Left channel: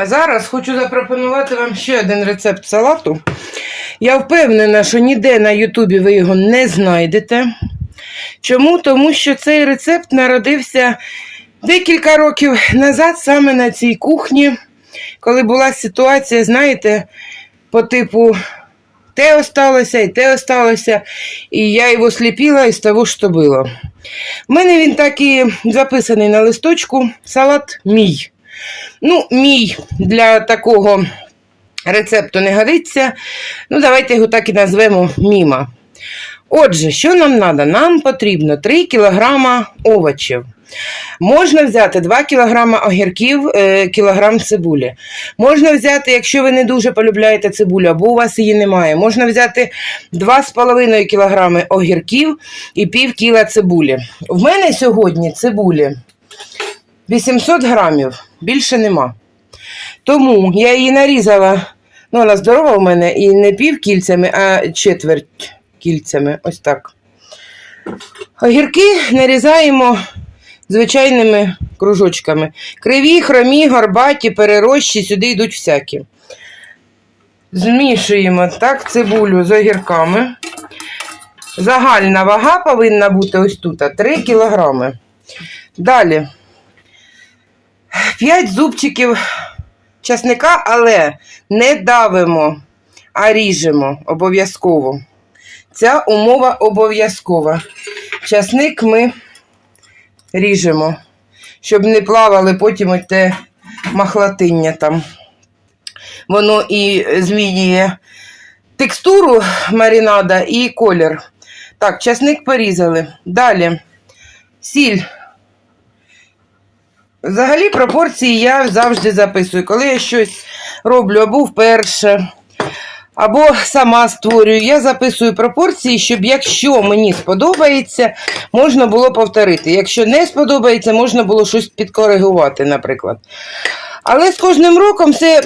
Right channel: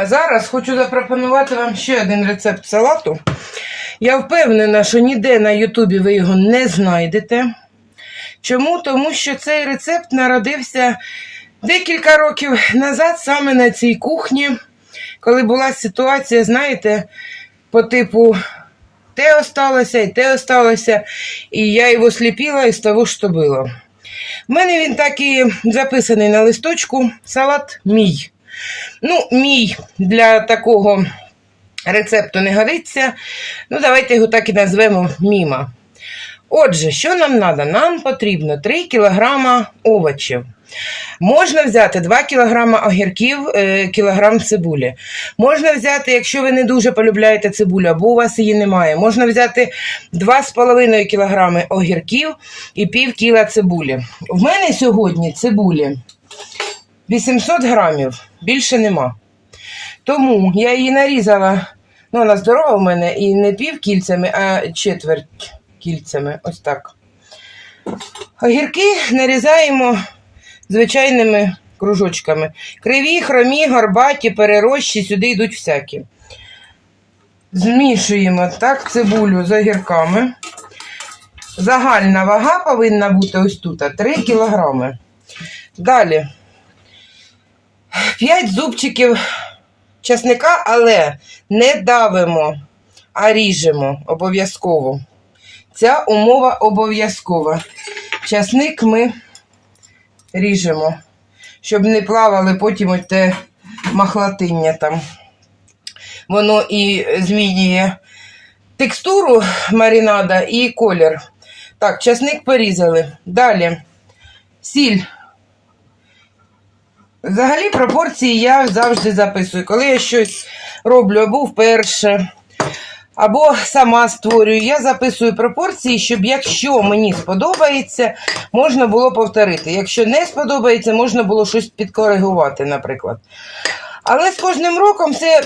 А зараз хочу запропонувати вам ще один рецепт салату. Я впевнена, що ніде на Ютубі ви його не знайдете. Чому? Тому що цей рецепт народився декілька років назад саме на цій кухні, коли була ситуація, знаєте, по типу те осталося і те осталося, і я його сліпила із того, що було. У мене він так і записаний на листочку салат мій. Ну, мій для такого рецепту не годиться. Ну, давайте його так і назвемо міма. Отже, що нам треба? Нам потрібно 3 кг овочів. Можна взяти 2 кг огірків, е, кілограм цибулі. Можна взяти, якщо ви не дуже полюбляєте цибулю, або у вас її немає, можна взяти 2,5 кг огірків і пів кіла цибулі. В мене сьогодні цибулі 800 грамів, більше нема. Тому я її нарізала, ну вона здорова у мене, і не пів кільцями, а четверть кільцями. Ось так. Огірки нарізаємо звичайними кружочками. Криві, хромі, горбаті, перерощі, сюди йдуть всякі. Змішуємо так цибулю з огірками. Загальна вага повинна бути ось тут 3 кілограми. Далі 5 зубчиків часника, але не давимо, а ріжемо обов'язково. Ця умова обов'язкова. Часник ми ріжемо, щоб не плавали потім оте махлатиння там. Воно і змінює текстуру маринада і колір. Так, часник порізали. Далі сіль. Взагалі пропорції я завжди записую. Коли я щось роблю або вперше, або сама створюю, я записую пропорції, щоб якщо мені сподобається, можна було повторити. Якщо не сподобається, можна було щось підкоригувати, наприклад. Але з кожним роком все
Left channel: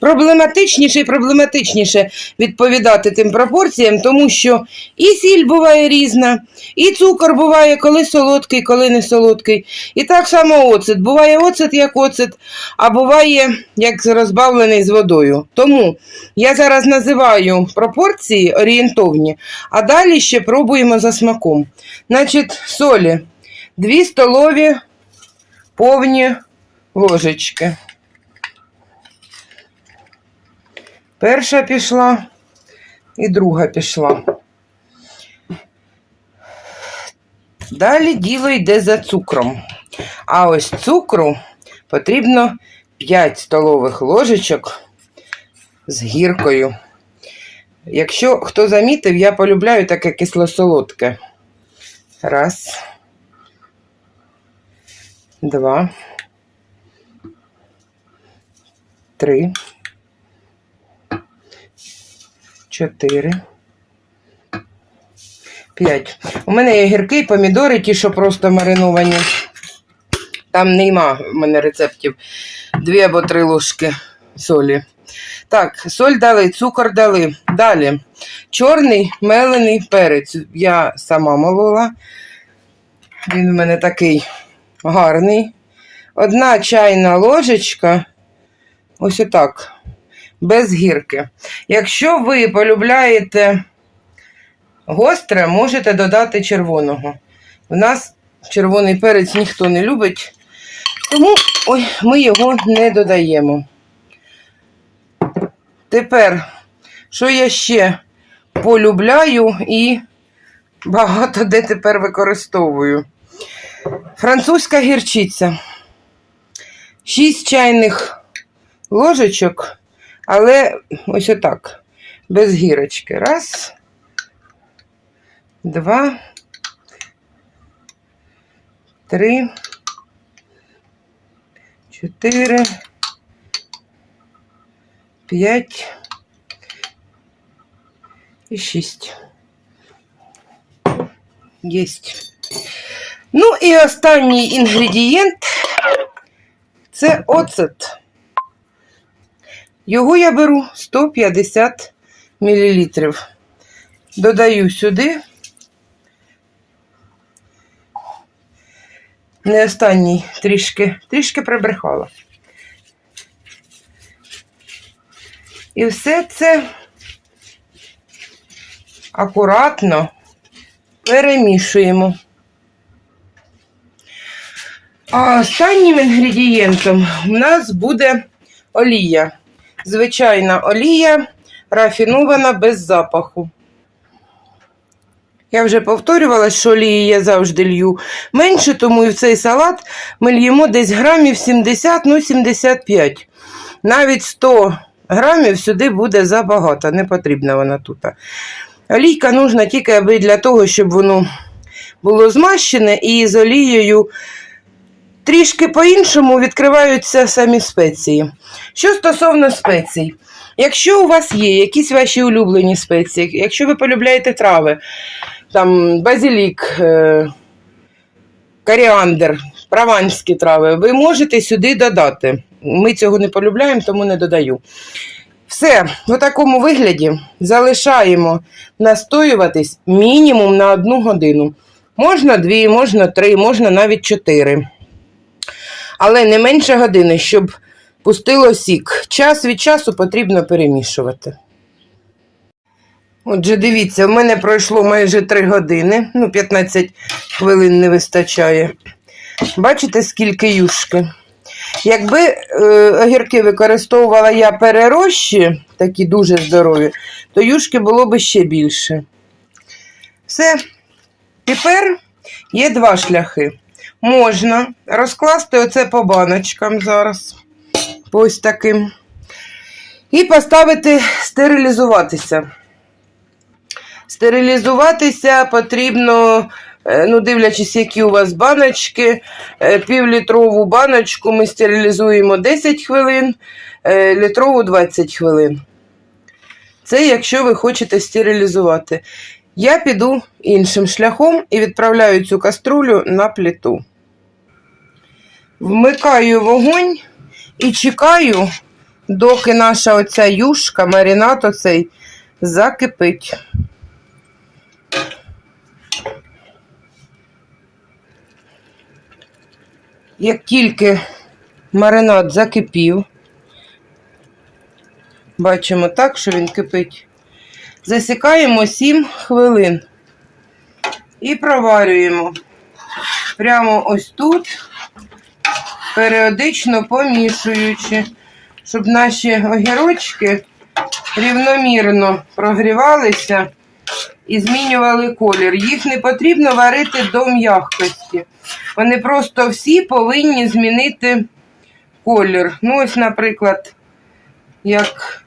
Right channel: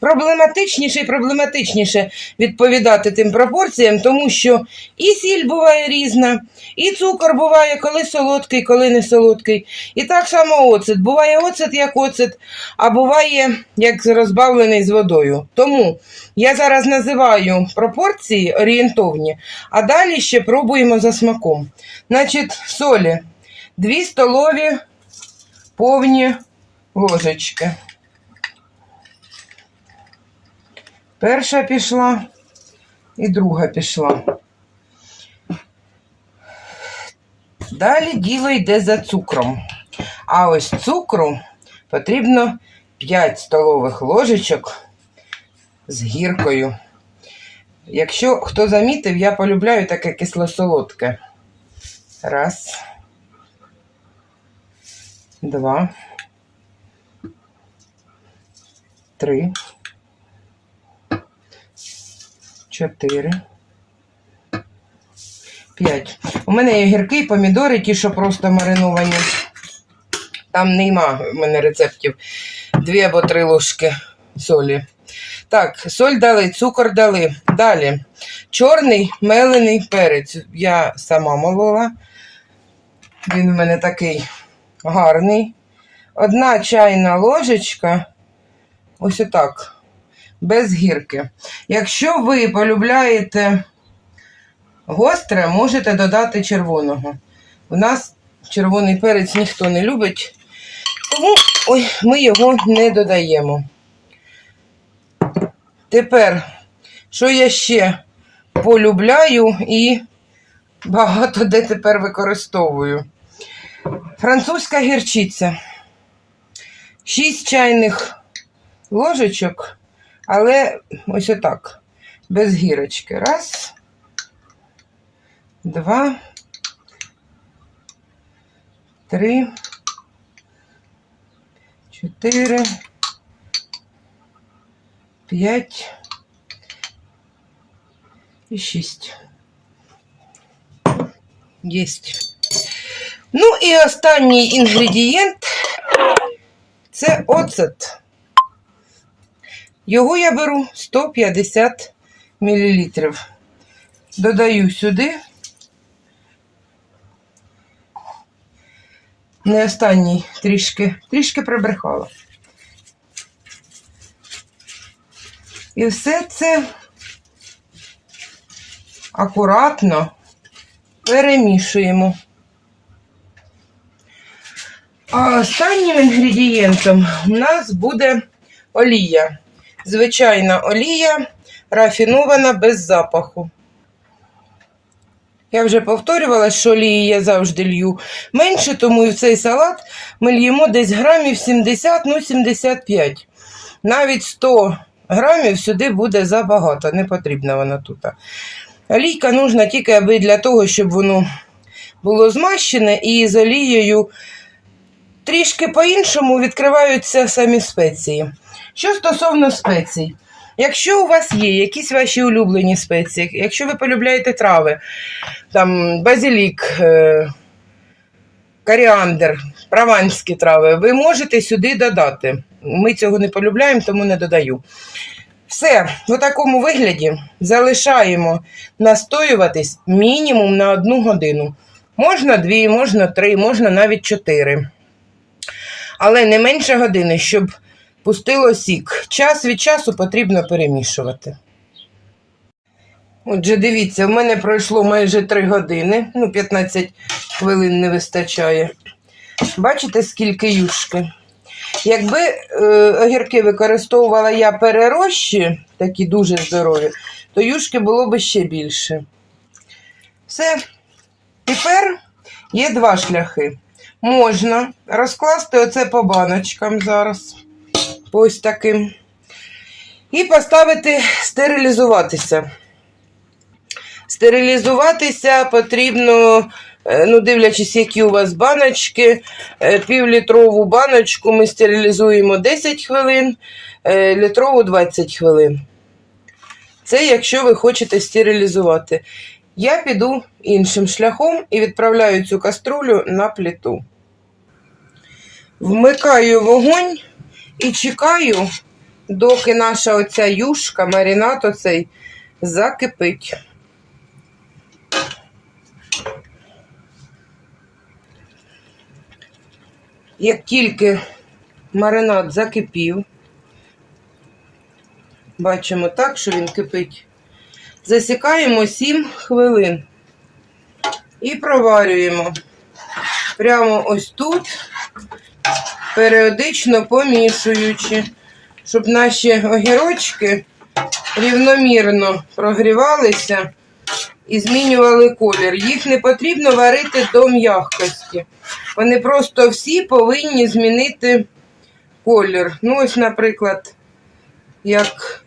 проблематичніше і проблематичніше відповідати тим пропорціям, тому що і сіль буває різна, і цукор буває коли солодкий, коли не солодкий. І так само оцет. Буває оцет як оцет, а буває як розбавлений з водою. Тому я зараз називаю пропорції орієнтовні, а далі ще пробуємо за смаком. Значить, солі 2 столові повні ложечки. Перша пішла і друга пішла. Далі діло йде за цукром. А ось цукру потрібно 5 столових ложечок з гіркою. Якщо хто замітив, я полюбляю таке кисло-солодке. Раз. Два. Три. Чотири. П'ять. У мене є гірки, помідори, ті, що просто мариновані. Там нема в мене рецептів. Дві або три ложки солі. Так, соль дали, цукор дали. Далі. Чорний мелений перець. Я сама молола. Він у мене такий гарний. Одна чайна ложечка. Ось отак без гірки. Якщо ви полюбляєте гостре, можете додати червоного. У нас червоний перець ніхто не любить, тому ой, ми його не додаємо. Тепер, що я ще полюбляю і багато де тепер використовую. Французька гірчиця. 6 чайних ложечок але ось отак, без гірочки. Раз, два, три, чотири, п'ять і шість. Єсть. Ну і останній інгредієнт це оцет. Його я беру 150 мл. Додаю сюди. Не останній трішки, трішки прибрехала. І все це акуратно перемішуємо. А останнім інгредієнтом в нас буде олія. Звичайна олія, рафінована без запаху. Я вже повторювала, що олії я завжди лью менше, тому і в цей салат ми льємо десь грамів 70, ну 75. Навіть 100 грамів сюди буде забагато, не потрібна вона тут. Олійка нужна тільки аби для того, щоб воно було змащене і з олією трішки по-іншому відкриваються самі спеції. Що стосовно спецій, якщо у вас є якісь ваші улюблені спеції, якщо ви полюбляєте трави, там базилік, е, коріандр, прованські трави, ви можете сюди додати. Ми цього не полюбляємо, тому не додаю. Все, в такому вигляді залишаємо настоюватись мінімум на одну годину. Можна дві, можна три, можна навіть чотири. Але не менше години, щоб пустило сік. Час від часу потрібно перемішувати. Отже, дивіться, в мене пройшло майже 3 години, ну, 15 хвилин не вистачає. Бачите, скільки юшки? Якби е, огірки використовувала я перерощі, такі дуже здорові, то юшки було б ще більше. Все. Тепер є два шляхи. Можна розкласти оце по баночкам зараз. Ось таким. І поставити стерилізуватися. Стерилізуватися потрібно, е, ну, дивлячись, які у вас баночки. Е, Півлітрову баночку ми стерилізуємо 10 хвилин, е, літрову 20 хвилин. Це якщо ви хочете стерилізувати. Я піду іншим шляхом і відправляю цю каструлю на плиту. Вмикаю вогонь і чекаю, доки наша оця юшка, маринад оцей закипить. Як тільки маринад закипів, бачимо так, що він кипить, засікаємо 7 хвилин і проварюємо. Прямо ось тут, періодично помішуючи, щоб наші огірочки рівномірно прогрівалися і змінювали колір. Їх не потрібно варити до м'якості. Вони просто всі повинні змінити колір. Ну, ось, наприклад, як,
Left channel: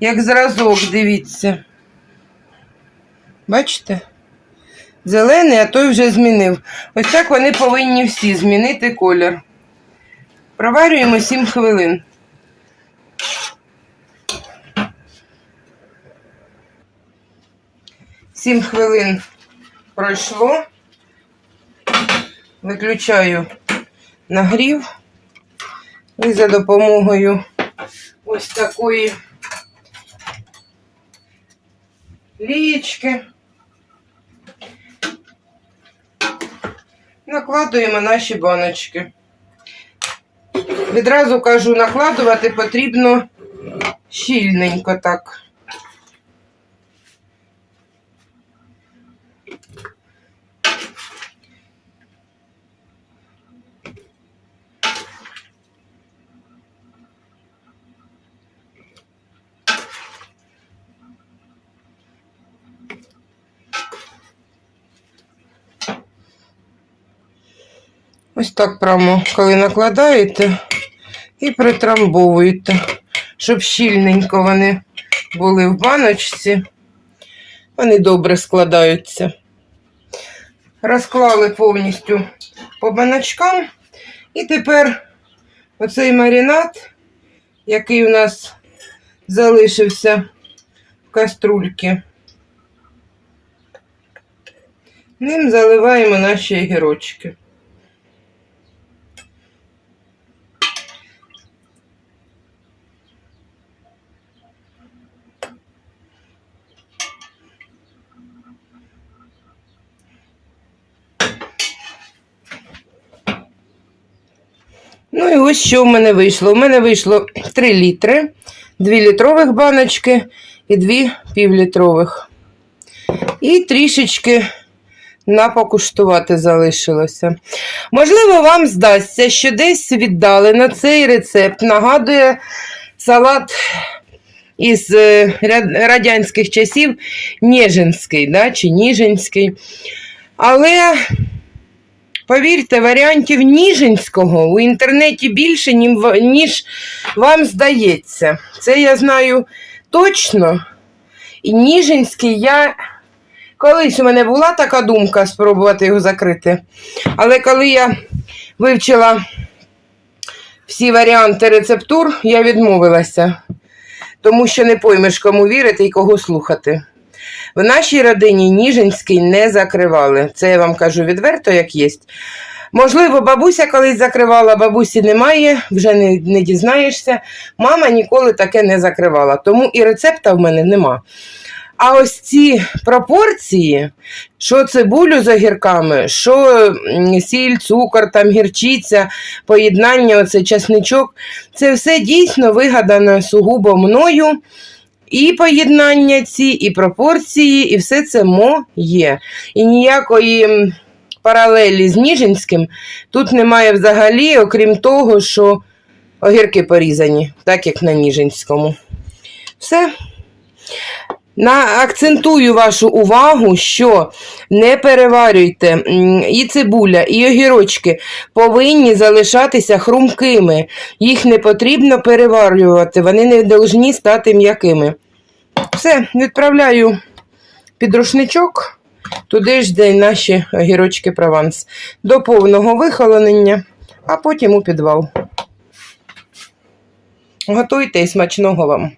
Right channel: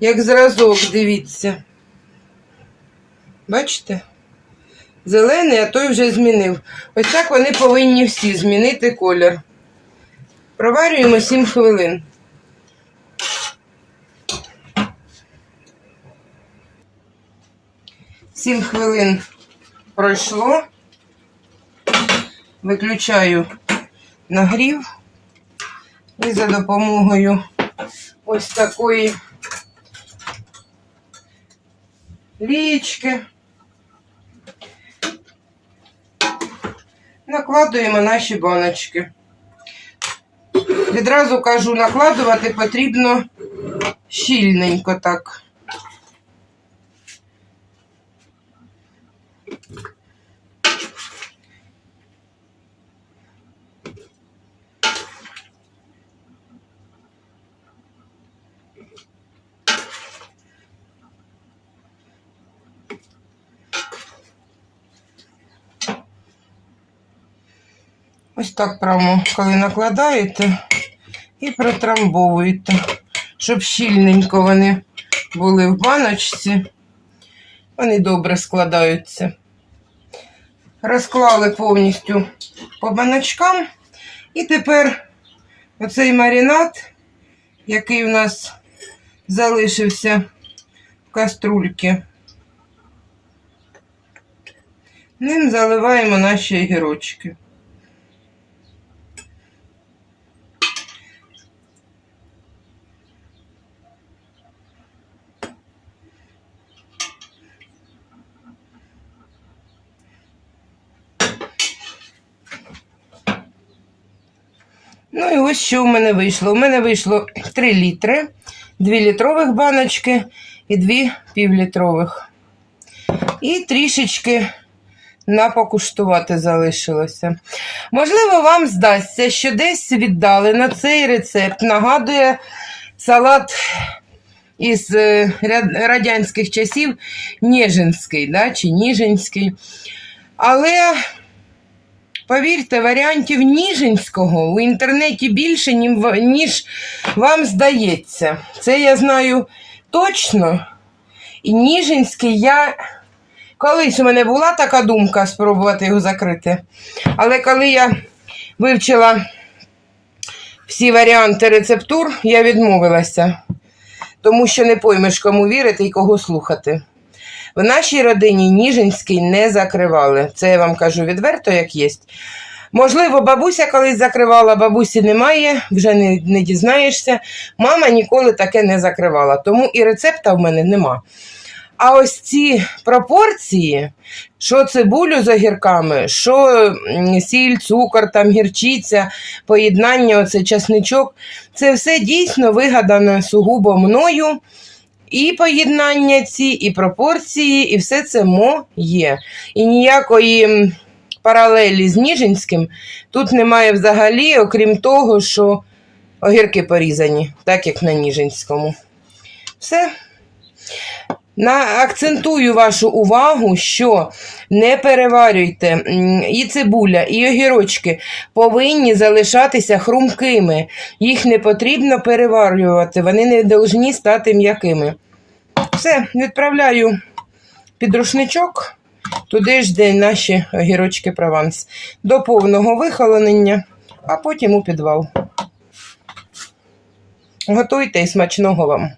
як зразок, дивіться. Бачите? Зелений, а той вже змінив. Ось так вони повинні всі змінити колір. Проварюємо 7 хвилин. Сім хвилин пройшло. Виключаю нагрів і за допомогою ось такої лієчки накладуємо наші баночки. Відразу кажу, накладувати потрібно щільненько так. Ось так прямо, коли накладаєте і притрамбовуєте, щоб щільненько вони були в баночці. Вони добре складаються. Розклали повністю по баночкам. І тепер оцей маринад, який у нас залишився в каструльці, ним заливаємо наші огірочки. Ну і ось що в мене вийшло. У мене вийшло 3 літри, 2 літрових баночки і 2 півлітрових. І трішечки на покуштувати залишилося. Можливо, вам здасться, що десь віддалено цей рецепт нагадує салат із е, радянських часів Ніжинський, да, чи Ніжинський. Але повірте, варіантів Ніжинського у інтернеті більше, ніж вам здається. Це я знаю точно. І Ніжинський я. Колись у мене була така думка спробувати його закрити. Але коли я вивчила всі варіанти рецептур, я відмовилася, тому що не поймеш, кому вірити і кого слухати. В нашій родині Ніжинський не закривали. Це я вам кажу відверто, як є. Можливо, бабуся колись закривала, бабусі немає, вже не, не дізнаєшся. Мама ніколи таке не закривала, тому і рецепта в мене нема. А ось ці пропорції, що цибулю з огірками, що сіль, цукор, там гірчиця, поєднання, оце часничок, це все дійсно вигадано сугубо мною. І поєднання ці, і пропорції, і все це моє. І ніякої паралелі з Ніжинським тут немає взагалі, окрім того, що огірки порізані, так як на Ніжинському. Все. На, акцентую вашу увагу, що не переварюйте і цибуля, і огірочки повинні залишатися хрумкими. Їх не потрібно переварювати, вони не повинні стати м'якими. Все, відправляю під рушничок, туди ж, де наші огірочки прованс, до повного вихолонення, а потім у підвал. Готуйте і смачного вам!